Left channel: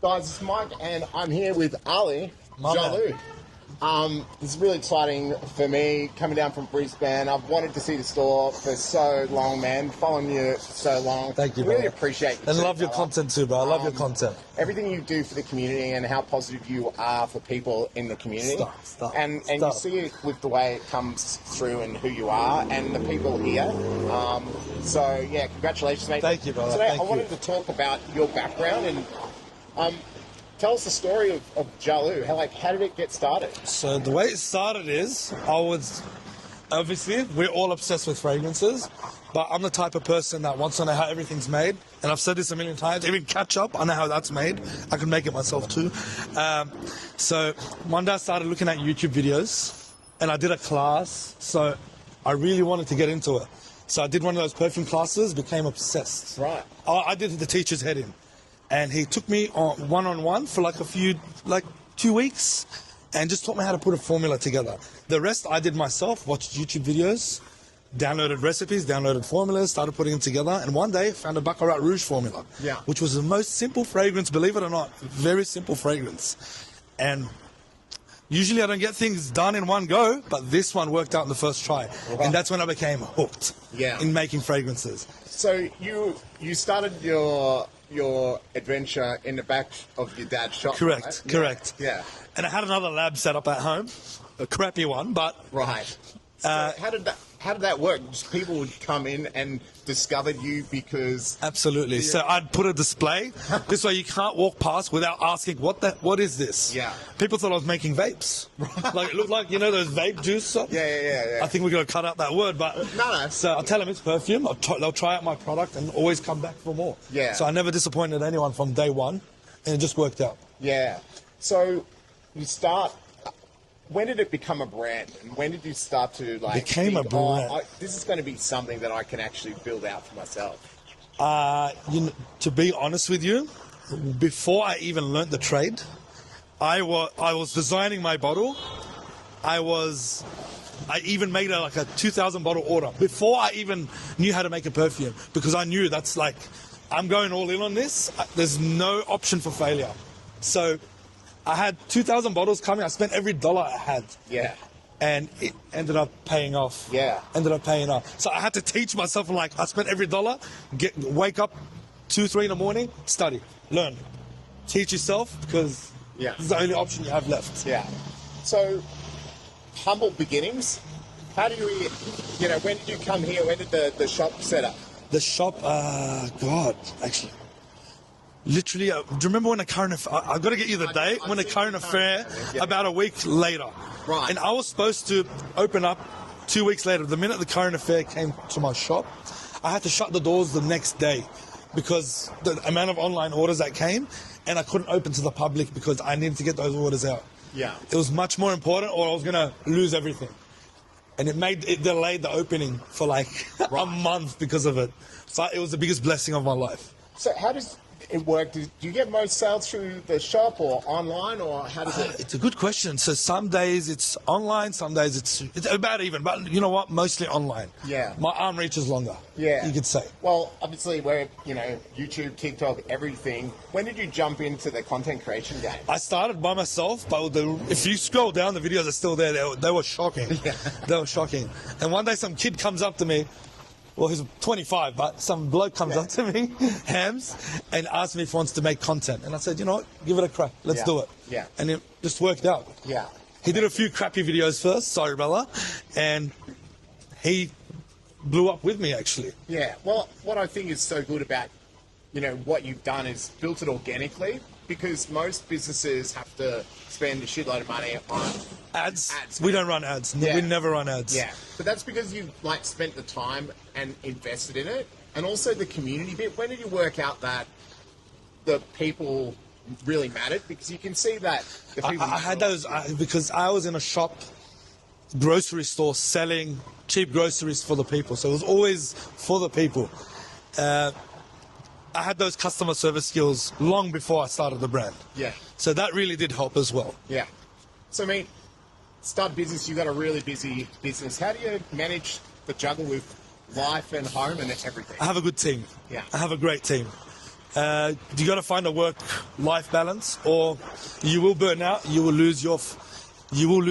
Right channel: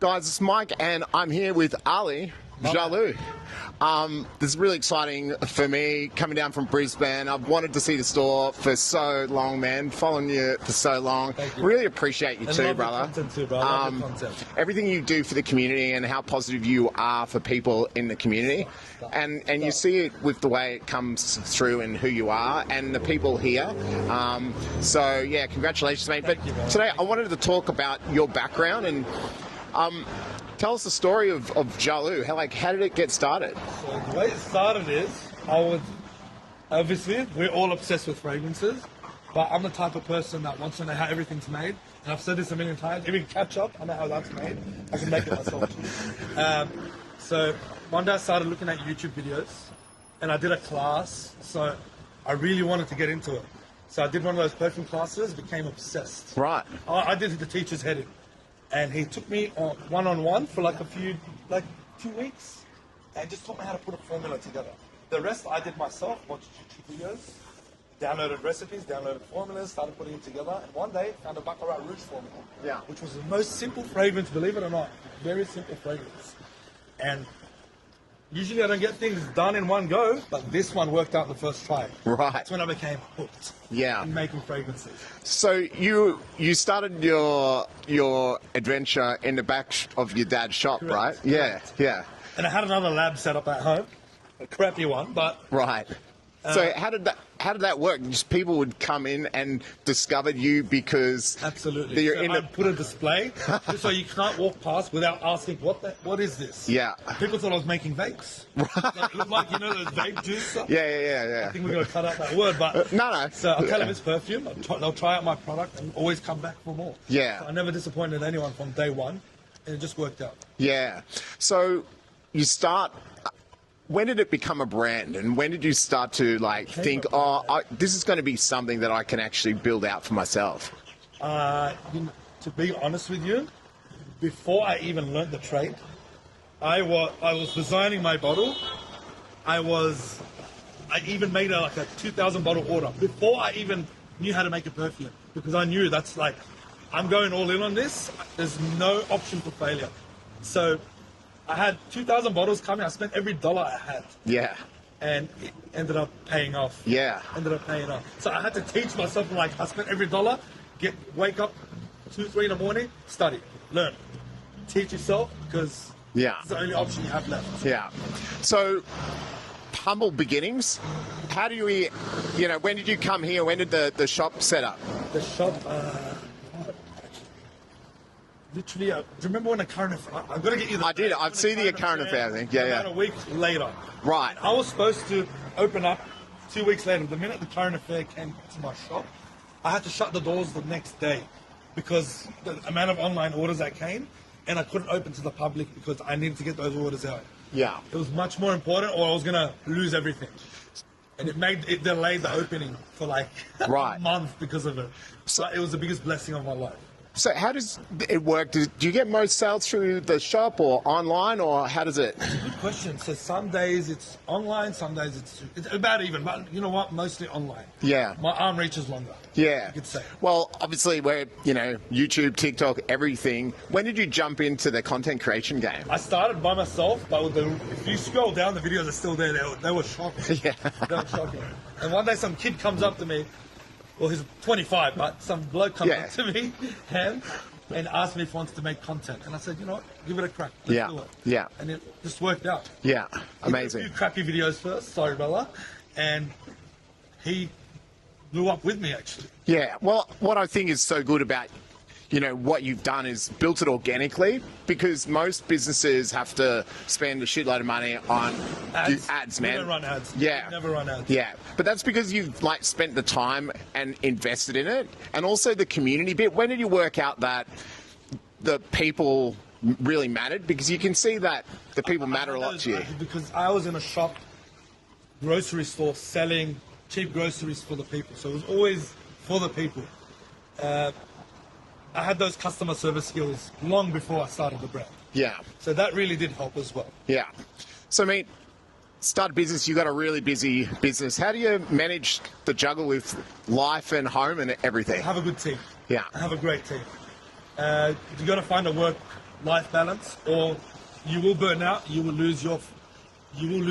Guys, it's Mike and I'm here with Ali, Jalu. This is really exciting for me, coming down from Brisbane. I've wanted to see the store for so long, man. Following you for so long. Thank you, really brother. appreciate you and too, love brother. your content too, bro. I love your content. Everything you do for the community and how positive you are for people in the community. And you see it with the way it comes through and who you are and the people here. So yeah, congratulations, mate. Thank you, brother. Today Thank I wanted to talk about your background and tell us the story of Jalu. How did it get started? So the way it started is, obviously, we're all obsessed with fragrances, but I'm the type of person that wants to know how everything's made. And I've said this a million times, even ketchup, I know how that's made. I can make it myself too. So one day I started looking at YouTube videos and I did a class. So I really wanted to get into it. So I did one of those perfume classes, became obsessed. Right. I did the teacher's head in. And he took me on one-on-one for like 2 weeks and just taught me how to put a formula together. The rest I did myself, watched YouTube videos, downloaded recipes, downloaded formulas, started putting them together, and one day found a Baccarat Rouge formula, which was the most simple fragrance, believe it or not, very simple fragrance. And usually I don't get things done in one go, but this one worked out in the first try. Right. And that's when I became hooked in making fragrances. So you started your adventure in the back of your dad's shop, Correct. right? Correct. Yeah. And I had another lab set up at home, a crappy one, but... Right. So how did that work? Just people would come in and discover you because... Absolutely. So I'd put a display. This way you can't walk past without asking, what is this? Yeah. People thought I was making vapes. Like, it looked like, you know, those vape juice. Yeah. I think we're going to cut out that word, but... No. So I'll tell them it's perfume. They'll try out my product and always come back for more. Yeah. So I never disappointed anyone from day one, and it just worked out. Yeah. So you start... When did it become a brand, and when did you start to think, this is going to be something that I can actually build out for myself? To be honest with you, before I even learnt the trade, I was designing my bottle. I even made a 2,000 bottle order before I even knew how to make a perfume, because I knew that's I'm going all in on this. There's no option for failure. So I had 2,000 bottles coming. I spent every dollar I had. Yeah. And it ended up paying off. Yeah. Ended up paying off. So I had to teach myself, I spent every dollar, wake up 2, 3 in the morning, study, learn. Teach yourself, because this is the only option you have left. Yeah. So, humble beginnings. How do you, when did you come here? When did the shop set up? The shop, actually. Literally, do you remember when the current affair, I've got to get you the date, when the current affair, about a week later. Right. And I was supposed to open up 2 weeks later. The minute the current affair came to my shop, I had to shut the doors the next day because the amount of online orders that came, and I couldn't open to the public because I needed to get those orders out. Yeah. It was much more important or I was going to lose everything. And it delayed the opening for a month because of it. So it was the biggest blessing of my life. So how does it work? Do you get most sales through the shop or online, or how does it? It's a good question. So some days it's online, some days it's about even. But you know what? Mostly online. Yeah. My arm reaches longer. Yeah. You could say. Well, obviously we're, YouTube, TikTok, everything. When did you jump into the content creation game? I started by myself, but if you scroll down, the videos are still there. They were shocking. Yeah. They were shocking. And one day some kid comes up to me. Well, he's 25, but some bloke comes up to me, Hams, and asks me if he wants to make content. And I said, you know what, give it a crack. Let's do it. Yeah. And it just worked out. Yeah. He did a few crappy videos first, sorry, brother, and he blew up with me, actually. Yeah. Well, what I think is so good about what you've done is built it organically, because most businesses have to spend a shitload of money on ads. We don't run ads. Yeah. We never run ads. Yeah. But that's because you've spent the time and invested in it, and also the community bit. When did you work out that the people really mattered? Because you can see that the people matter a lot to you. Because I was in a shop, grocery store, selling cheap groceries for the people. So it was always for the people. I had those customer service skills long before I started the brand. Yeah. So that really did help as well. Yeah. So, start a business, you got a really busy business. How do you manage the juggle with life and home and everything? I have a good team. Yeah. I have a great team. You got to find a work-life balance, or you will burn out. You will lose your flame. You will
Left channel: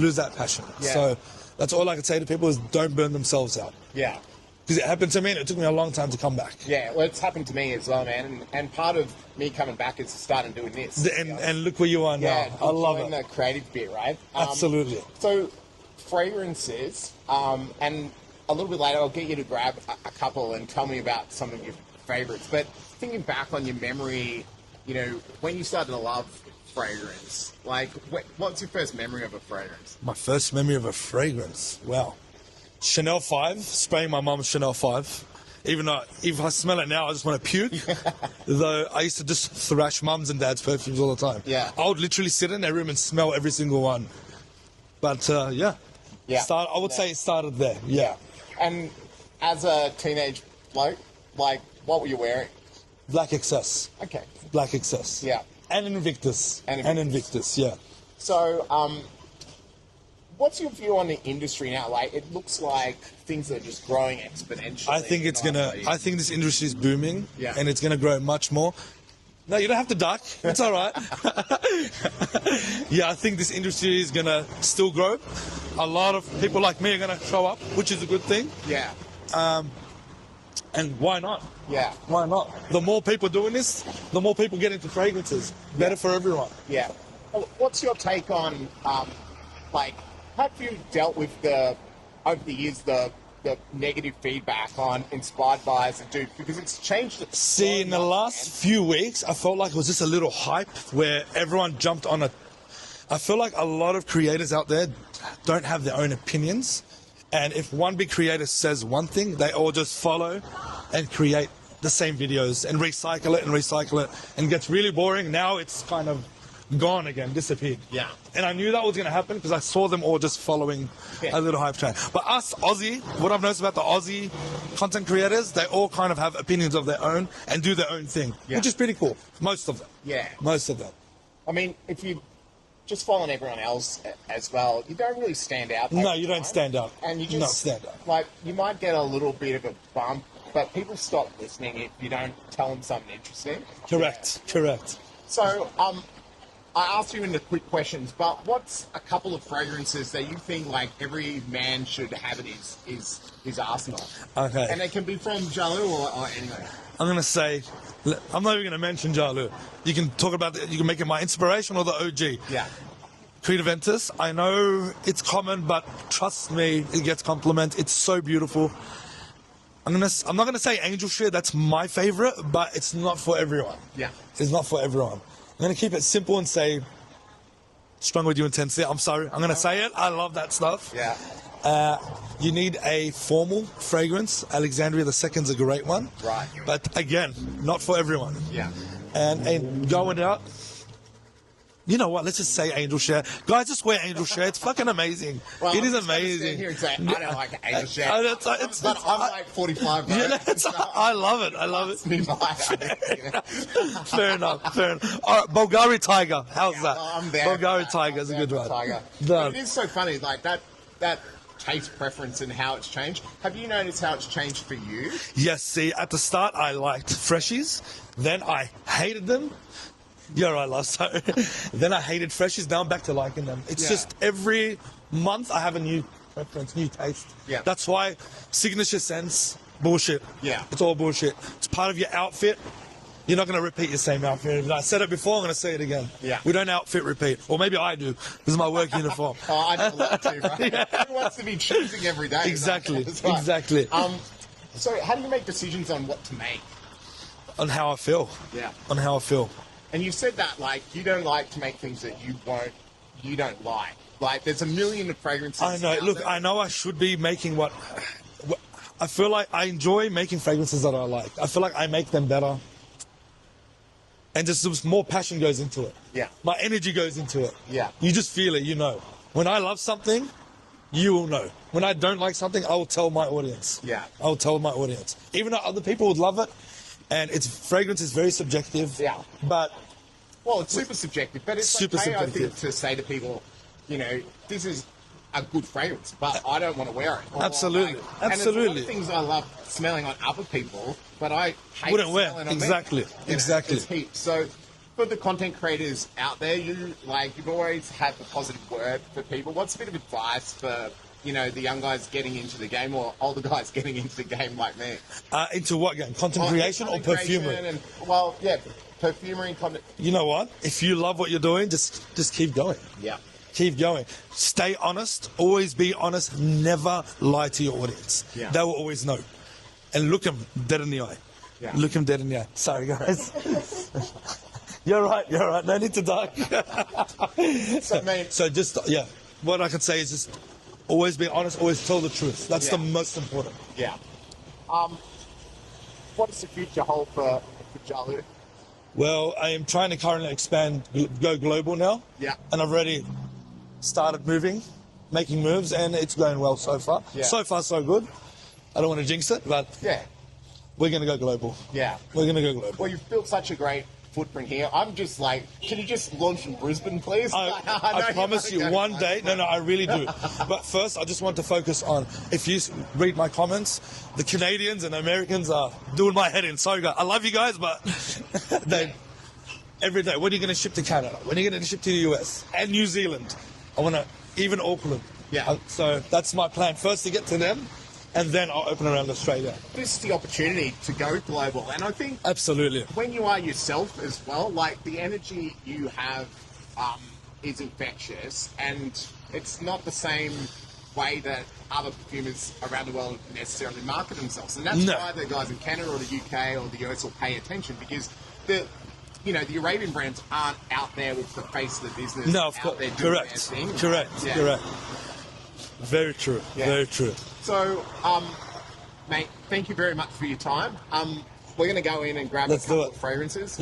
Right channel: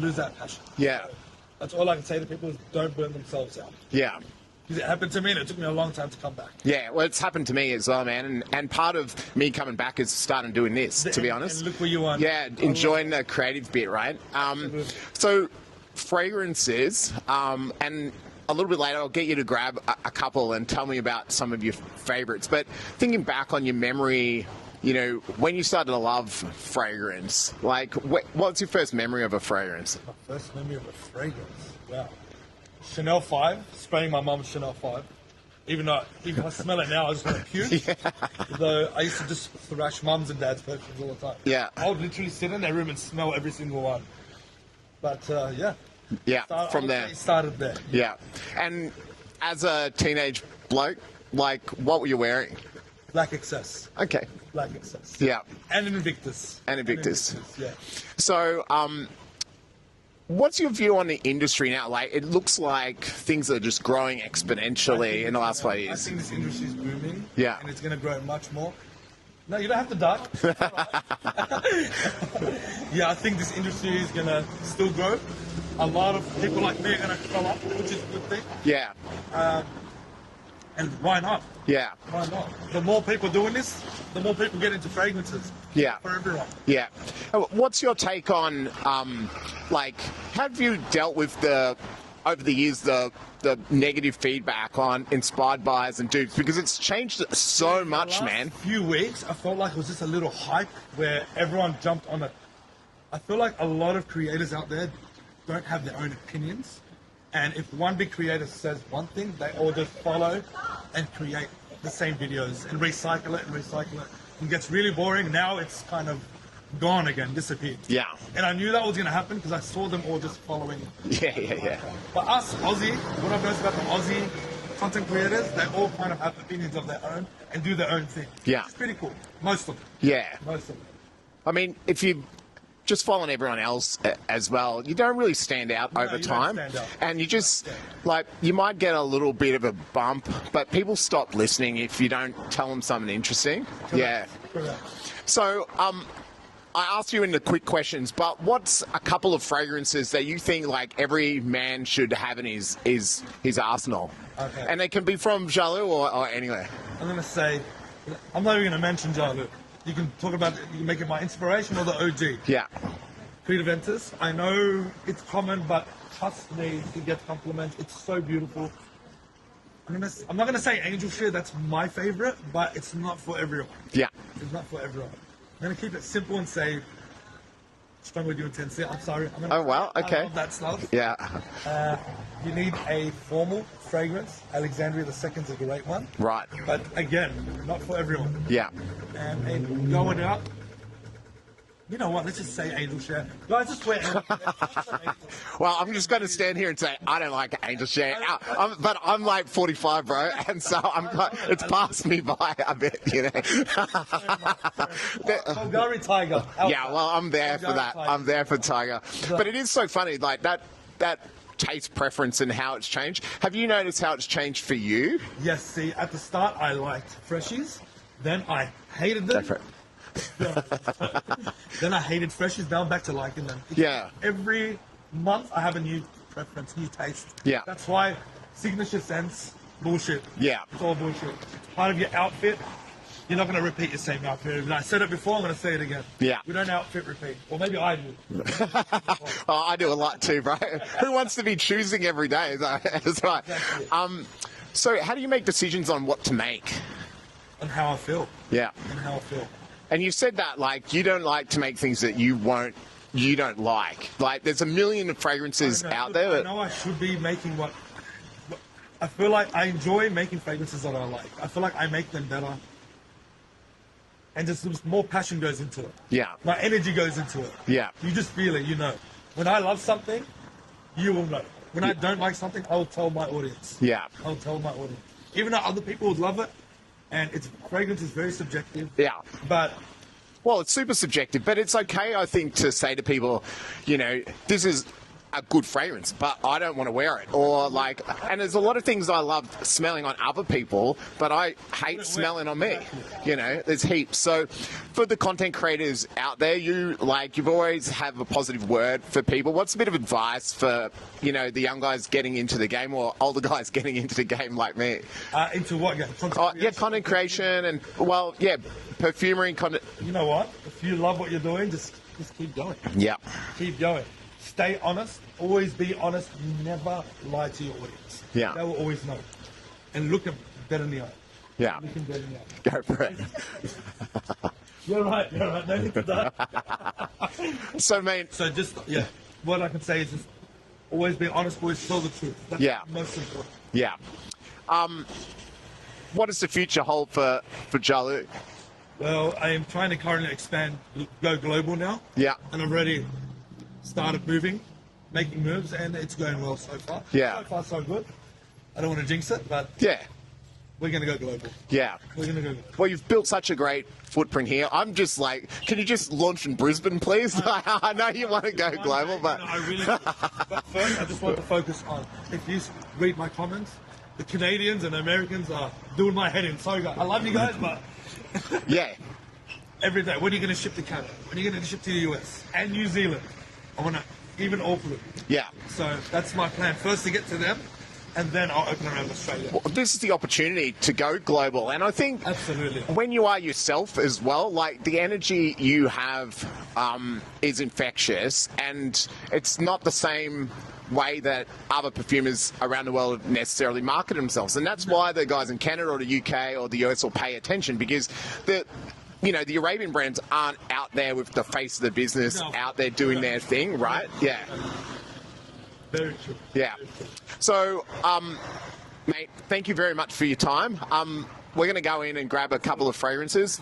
lose that passion. Yeah. So that's all I can say to people is don't burn themselves out. Yeah. Because it happened to me, and it took me a long time to come back. Yeah, well, it's happened to me as well, man. And part of me coming back is starting doing this, to be honest. And look where you are now. Yeah, enjoying the creative bit, right? Absolutely. So, fragrances, and a little bit later, I'll get you to grab a couple and tell me about some of your favorites. But thinking back on your memory, you know, when you started to love fragrance, like, what's your first memory of a fragrance? My first memory of a fragrance, wow. Chanel 5, spraying my mum's Chanel 5. Even though, if I smell it now, I just want to puke. Yeah. Though I used to just thrash mums and dad's perfumes all the time. Yeah. I would literally sit in their room and smell every single one. But yeah. Yeah. I would say it started there. Yeah. And as a teenage bloke, like, what were you wearing? Black Excess. Okay. Black Excess. Yeah. And Invictus. And Invictus. Yeah. So, what's your view on the industry now? Like, it looks like things are just growing exponentially in the last 5 years. I think this industry is booming. Yeah. And it's going to grow much more. No, you don't have to duck. It's all right. Yeah, I think this industry is going to still grow. A lot of people like me are going to show up, which is a good thing. Yeah. And why not? Yeah. Why not? The more people doing this, the more people get into fragrances. Yeah. Better for everyone. Yeah. What's your take on, like, how have you dealt with over the years, the negative feedback on inspired buys and dupes? Because it's changed so in much, the last man. few weeks, I felt like it was just a little hype where everyone jumped on it. I feel like a lot of creators out there don't have their own opinions. And if one big creator says one thing, they all just follow and create the same videos and recycle it and gets really boring. Now it's kind of gone again, disappeared. Yeah. And I knew that was going to happen because I saw them all just following a little hype train. But us, Aussie, what I've noticed about the Aussie content creators, they all kind of have opinions of their own and do their own thing, which is pretty cool. Most of them. Yeah. Most of them. I mean, if you just following everyone else as well, you don't really stand out over time. No, you don't stand out. And you just, stand out. like, you might get a little bit of a bump, but people stop listening if you don't tell them something interesting. Correct. Yeah. Correct. So, I asked you in the quick questions, but what's a couple of fragrances that you think, like, every man should have in his arsenal? Okay. And they can be from Jalu or anywhere. I'm going to say, I'm not even going to mention Jalu. You can talk about it, you can make it my inspiration or the OG. Yeah. Creed Ventus, I know it's common, but trust me, it gets compliment. It's so beautiful. I'm not going to say Angel Share, that's my favorite, but it's not for everyone. Yeah. It's not for everyone. I'm going to keep it simple and say, strong with your intensity. I'm sorry, I'm going to say it. Okay. I love that stuff. Yeah. You need a formal fragrance. Alexandria II is a great one. Right. But again, not for everyone. Yeah. And going out, you know what? Let's just say Angel Share. Guys, just wear Angel Share. It's fucking amazing. Well, it I'm is just going to stand here and say, I don't like Angel Share. But I'm like 45, bro. And so I love it. It's passed me by. You know? Fair enough. Fair enough. Bulgari Tiger. How's that? Well, I'm there Bulgari for that. Tiger's I'm there a for good Tiger. one. But it is so funny, like, that taste preference and how it's changed. Have you noticed how it's changed for you? Yes, see, at the start, I liked Freshies. Then I hated them. You're right, Lars. Then I hated Freshies. Now I'm back to liking them. It's just every month I have a new preference, new taste. Yeah. That's why signature scents, bullshit. Yeah. It's all bullshit. It's part of your outfit. You're not going to repeat your same outfit. And I said it before, I'm going to say it again. Yeah. We don't outfit repeat. Or maybe I do. It's my work uniform. Oh, I do a lot too, bro. Who wants to be choosing every day? Exactly. Right. Exactly. So how do you make decisions on what to make? On how I feel. Yeah. On how I feel. And you said that, like, you don't like to make things that you don't like. Like, there's a million fragrances out there. I know I should be making what I feel like I enjoy making fragrances that I like. I feel like I make them better. And just more passion goes into it. Yeah. My energy goes into it. Yeah. You just feel it, you know. When I love something, you will know. When I don't like something, I'll tell my audience. Yeah. I'll tell my audience. Even though other people would love it, and fragrance is very subjective. Yeah. But well, it's super subjective, but it's Super okay, I think, subjective. to say to people, you know, this is a good fragrance, but I don't want to wear it. Or Absolutely. And there's a lot of things I love smelling on other people, but I hate smelling on exactly. me. You know, there's heaps. So for the content creators out there, you've always have a positive word for people. What's a bit of advice for, you know, the young guys getting into the game, or older guys getting into the game like me? Into what game? Content creation? Content creation and, well, yeah, perfumery content. You know what? If you love what you're doing, just keep going. Yeah. Keep going. Stay honest. Always be honest. Never lie to your audience. Yeah. They will always know. And look them dead in the eye. Yeah. Look them dead in the eye. Sorry, guys. You're right. No need to die. So just, yeah. What I can say is just always be honest. Always tell the truth. That's the most important. Yeah. What does the future hold for Jalu? Well, I am trying to currently expand, go global now. Yeah. And I've already started making moves, and it's going well so far. Yeah. So far, so good. I don't want to jinx it, but Yeah. we're going to go global. Yeah. We're going to go global. Well, you've built such a great footprint here. I'm just like, can you just launch in Brisbane, please? I promise you, one day. But... No, I really do. But first, I just want to focus on, if you read my comments, the Canadians and Americans are doing my head in. Sorry, guys. I love you guys, but Yeah. every day, when are you going to ship to Canada? When are you going to ship to the US and New Zealand? I want to, even Auckland. Yeah. So that's my plan. First to get to them, and then I'll open around Australia. Well, this is the opportunity to go global, and I think Absolutely. when you are yourself as well, like the energy you have is infectious, and it's not the same way that other perfumers around the world necessarily market themselves, and that's why the guys in Canada or the UK or the US will pay attention, because the Arabian brands aren't out there with the face of the business out there doing their thing. Correct. Right? Yeah. Correct. Very true. Yeah. Very true. So, mate, thank you very much for your time. We're going to go in and grab a couple of fragrances,